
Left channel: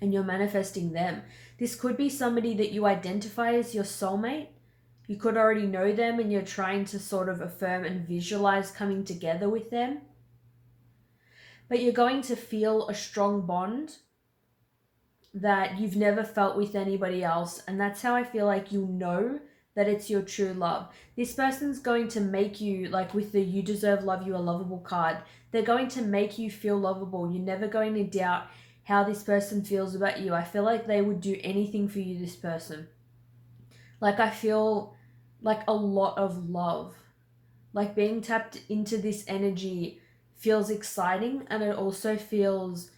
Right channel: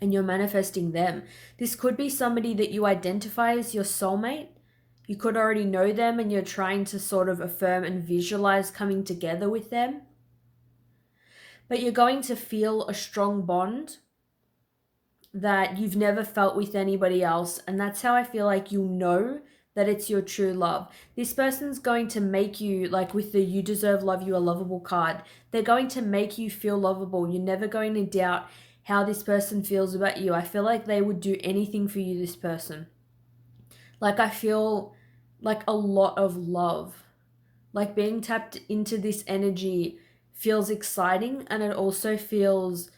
and you're manifesting them. This could be somebody that you identify as your soulmate. You could already know them and you're trying to sort of affirm and visualize coming together with them. But you're going to feel a strong bond that you've never felt with anybody else. And that's how I feel like you'll know that it's your true love. This person's going to make you, like with the You Deserve Love, You Are Lovable card, they're going to make you feel lovable. You're never going to doubt how this person feels about you. I feel like they would do anything for you, this person. Like I feel like a lot of love. Like being tapped into this energy feels exciting, and it also feels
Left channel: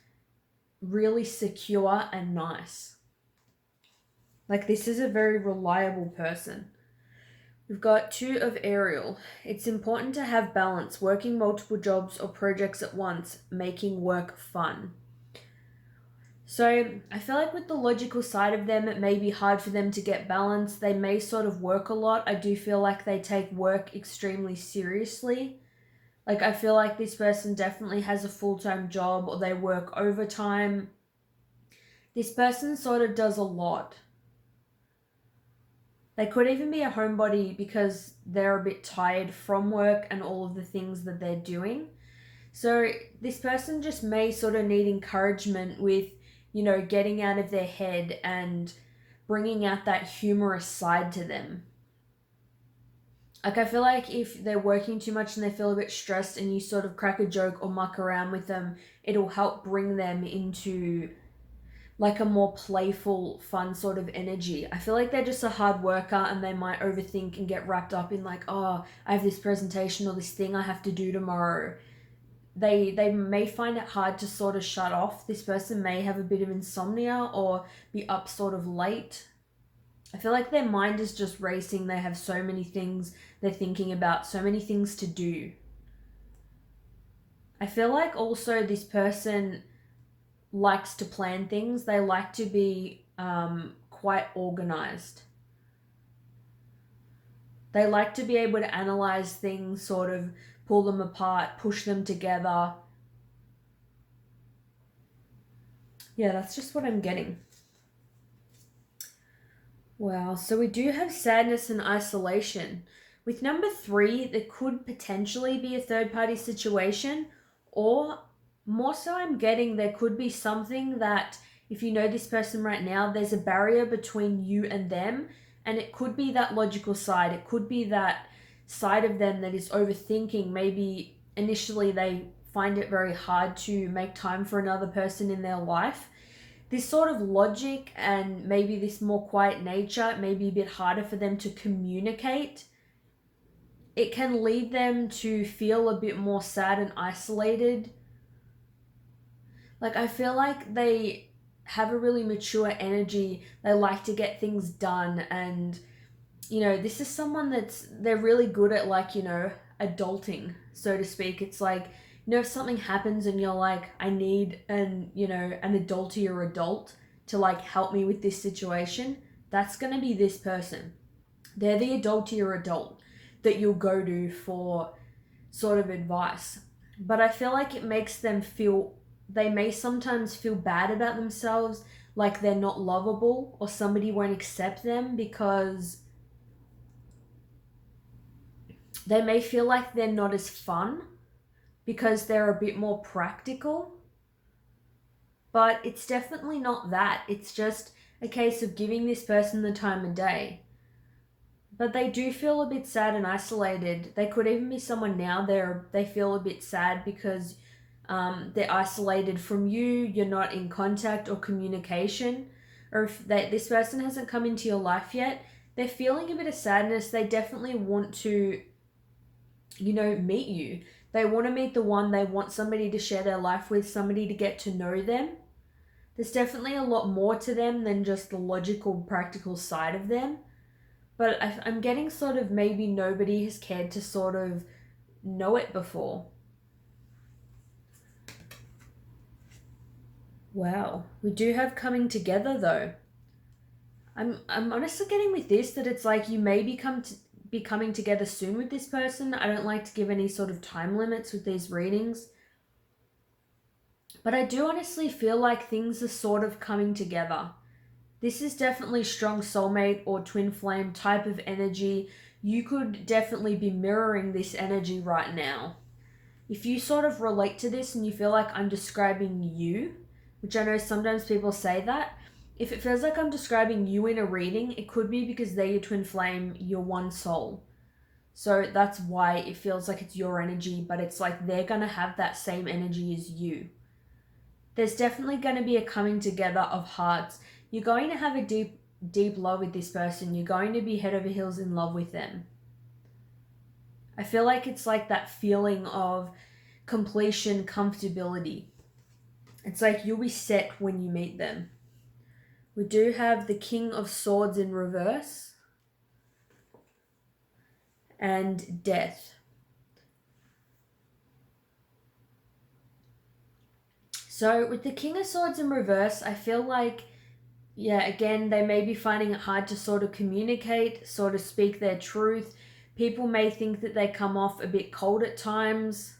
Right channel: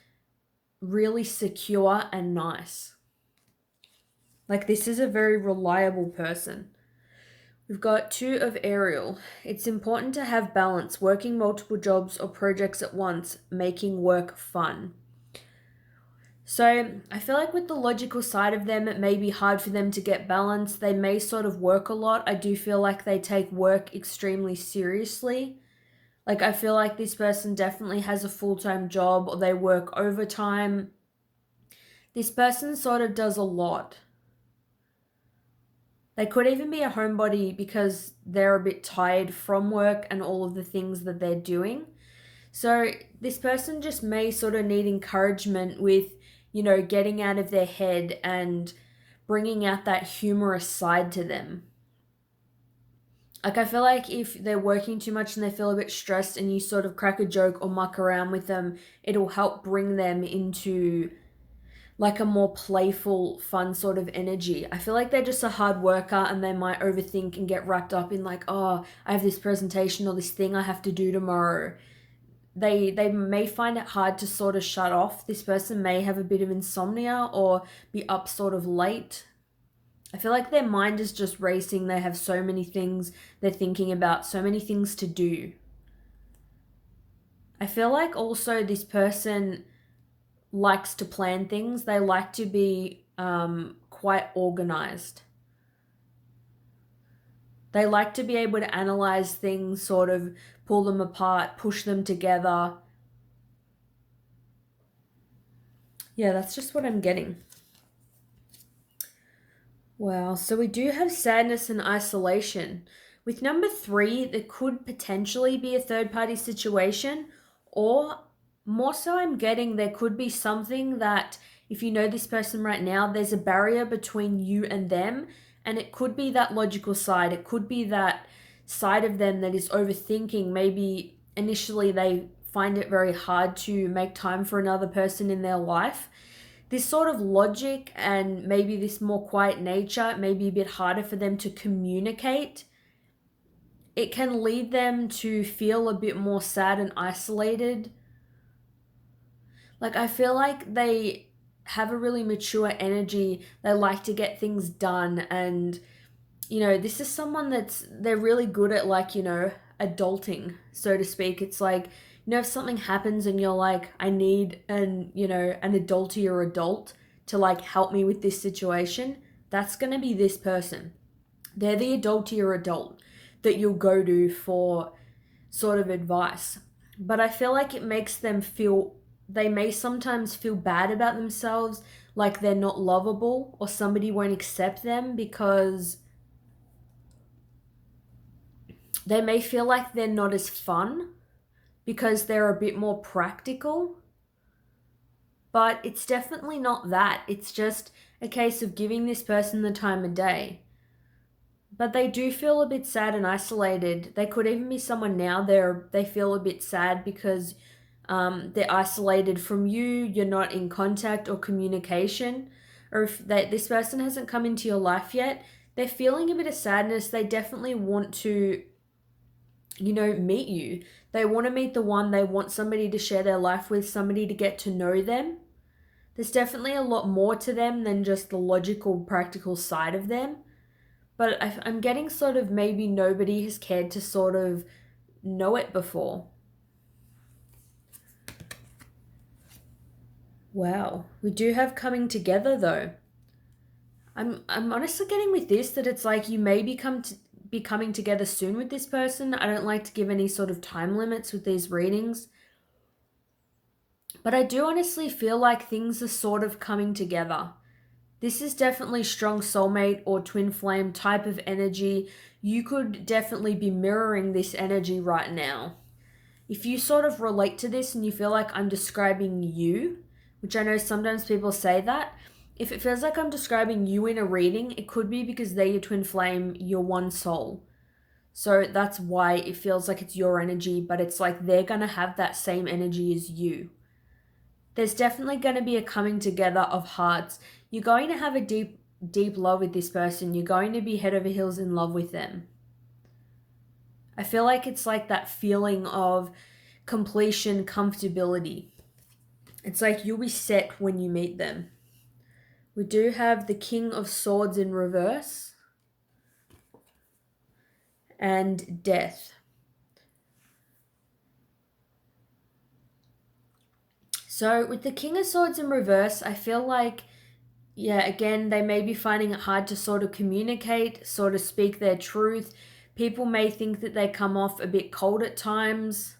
really secure and nice. Like this is a very reliable person. We've got 2 of Ariel. It's important to have balance, working multiple jobs or projects at once, making work fun. So I feel like with the logical side of them, it may be hard for them to get balance. They may sort of work a lot. I do feel like they take work extremely seriously. Like I feel like this person definitely has a full-time job or they work overtime. This person sort of does a lot. They could even be a homebody because they're a bit tired from work and all of the things that they're doing. So this person just may sort of need encouragement with, getting out of their head and bringing out that humorous side to them. Like I feel like if they're working too much and they feel a bit stressed and you sort of crack a joke or muck around with them, it'll help bring them into like a more playful, fun sort of energy. I feel like they're just a hard worker and they might overthink and get wrapped up in like, oh, I have this presentation or this thing I have to do tomorrow. They may find it hard to sort of shut off. This person may have a bit of insomnia or be up sort of late. I feel like their mind is just racing. They have so many things they're thinking about, so many things to do. I feel like also this person likes to plan things. They like to be quite organized. They like to be able to analyze things, sort of pull them apart, push them together. Yeah, that's just what I'm getting. Wow, so we do have sadness and isolation. With number 3, there could potentially be a third-party situation, or more so I'm getting there could be something that if you know this person right now, there's a barrier between you and them, and it could be that logical side. It could be that side of them that is overthinking. Maybe initially they find it very hard to make time for another person in their life. This sort of logic and maybe this more quiet nature may be a bit harder for them to communicate. It can lead them to feel a bit more sad and isolated. Like I feel like they have a really mature energy. They like to get things done, and this is someone they're really good at, like, adulting, so to speak. It's like, if something happens and you're like, I need an adultier adult to like help me with this situation, that's going to be this person. They're the adultier adult that you'll go to for sort of advice. But I feel like it makes them feel, they may sometimes feel bad about themselves, like they're not lovable or somebody won't accept them because they may feel like they're not as fun because they're a bit more practical. But it's definitely not that. It's just a case of giving this person the time of day. But they do feel a bit sad and isolated. They could even be someone now they feel a bit sad because they're isolated from you. You're not in contact or communication. Or if this person hasn't come into your life yet, they're feeling a bit of sadness. They definitely want to, meet you. They want to meet the one. They want somebody to share their life with, somebody to get to know them. There's definitely a lot more to them than just the logical, practical side of them. But I'm getting sort of maybe nobody has cared to sort of know it before. Wow. We do have coming together though. I'm honestly getting with this that it's like you may be coming together soon with this person. I don't like to give any sort of time limits with these readings. But I do honestly feel like things are sort of coming together. This is definitely strong soulmate or twin flame type of energy. You could definitely be mirroring this energy right now. If you sort of relate to this and you feel like I'm describing you, which I know sometimes people say that, if it feels like I'm describing you in a reading, it could be because they're your twin flame, your one soul. So that's why it feels like it's your energy, but it's like they're going to have that same energy as you. There's definitely going to be a coming together of hearts. You're going to have a deep, deep love with this person. You're going to be head over heels in love with them. I feel like it's like that feeling of completion, comfortability. It's like you'll be set when you meet them. We do have the King of Swords in reverse and Death. So with the King of Swords in reverse, I feel like, again, they may be finding it hard to sort of communicate, sort of speak their truth. People may think that they come off a bit cold at times.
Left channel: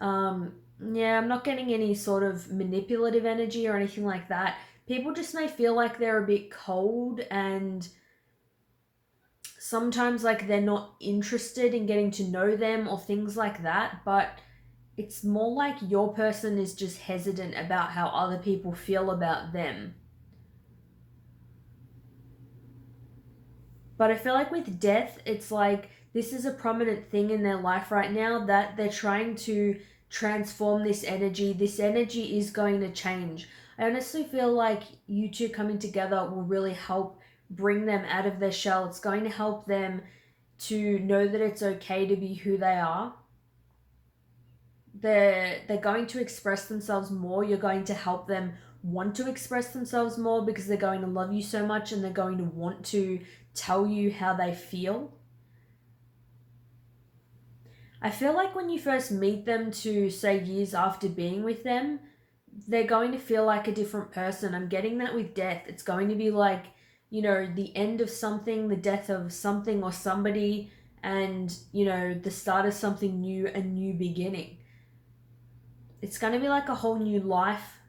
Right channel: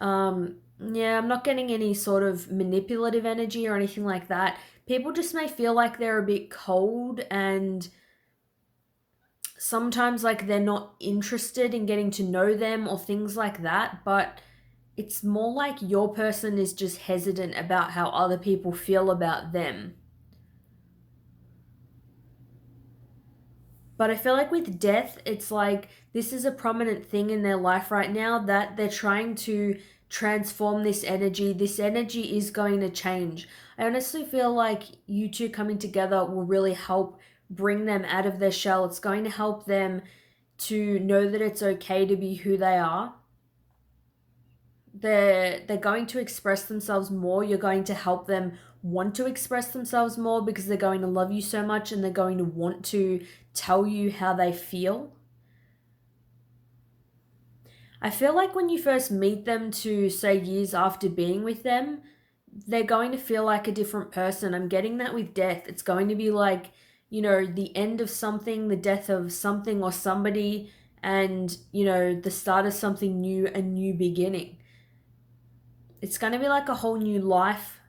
I'm not getting any sort of manipulative energy or anything like that. People just may feel like they're a bit cold and sometimes like they're not interested in getting to know them or things like that. But it's more like your person is just hesitant about how other people feel about them. But I feel like with Death, it's like this is a prominent thing in their life right now that they're trying to transform this energy. This energy is going to change. I honestly feel like you two coming together will really help bring them out of their shell. It's going to help them to know that it's okay to be who they are. They're going to express themselves more. You're going to help them want to express themselves more because they're going to love you so much and they're going to want to tell you how they feel. I feel like when you first meet them to say years after being with them, they're going to feel like a different person. I'm getting that with Death. It's going to be like, the end of something, the death of something or somebody, and, the start of something new, a new beginning. It's going to be like a whole new life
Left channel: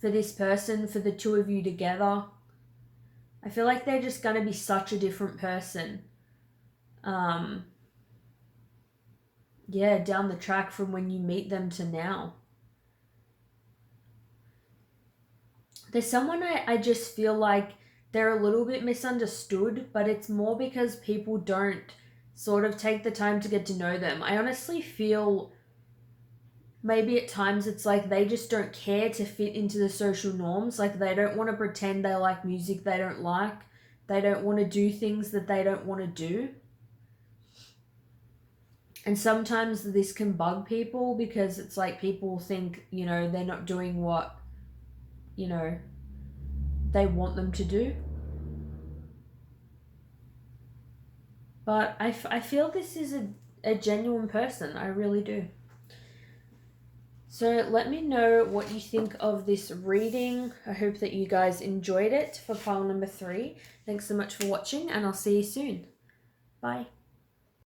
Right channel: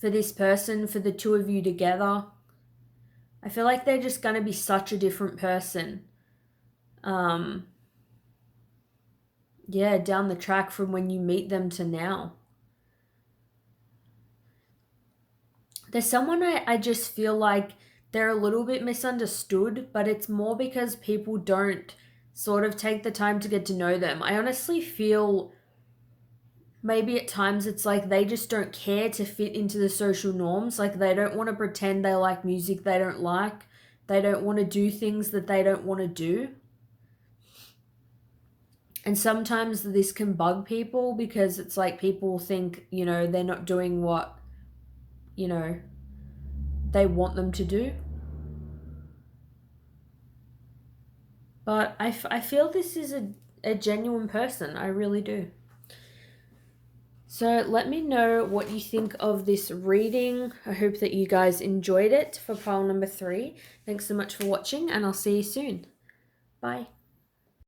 for this person, for the two of you together. I feel like they're just going to be such a different person. Down the track from when you meet them to now. There's someone I just feel like they're a little bit misunderstood, but it's more because people don't sort of take the time to get to know them. I honestly feel maybe at times it's like they just don't care to fit into the social norms. Like they don't want to pretend they like music they don't like. They don't want to do things that they don't want to do. And sometimes this can bug people because it's like people think, they're not doing what, they want them to do. But I feel this is a genuine person. I really do. So let me know what you think of this reading. I hope that you guys enjoyed it for pile number 3. Thanks so much for watching and I'll see you soon. Bye.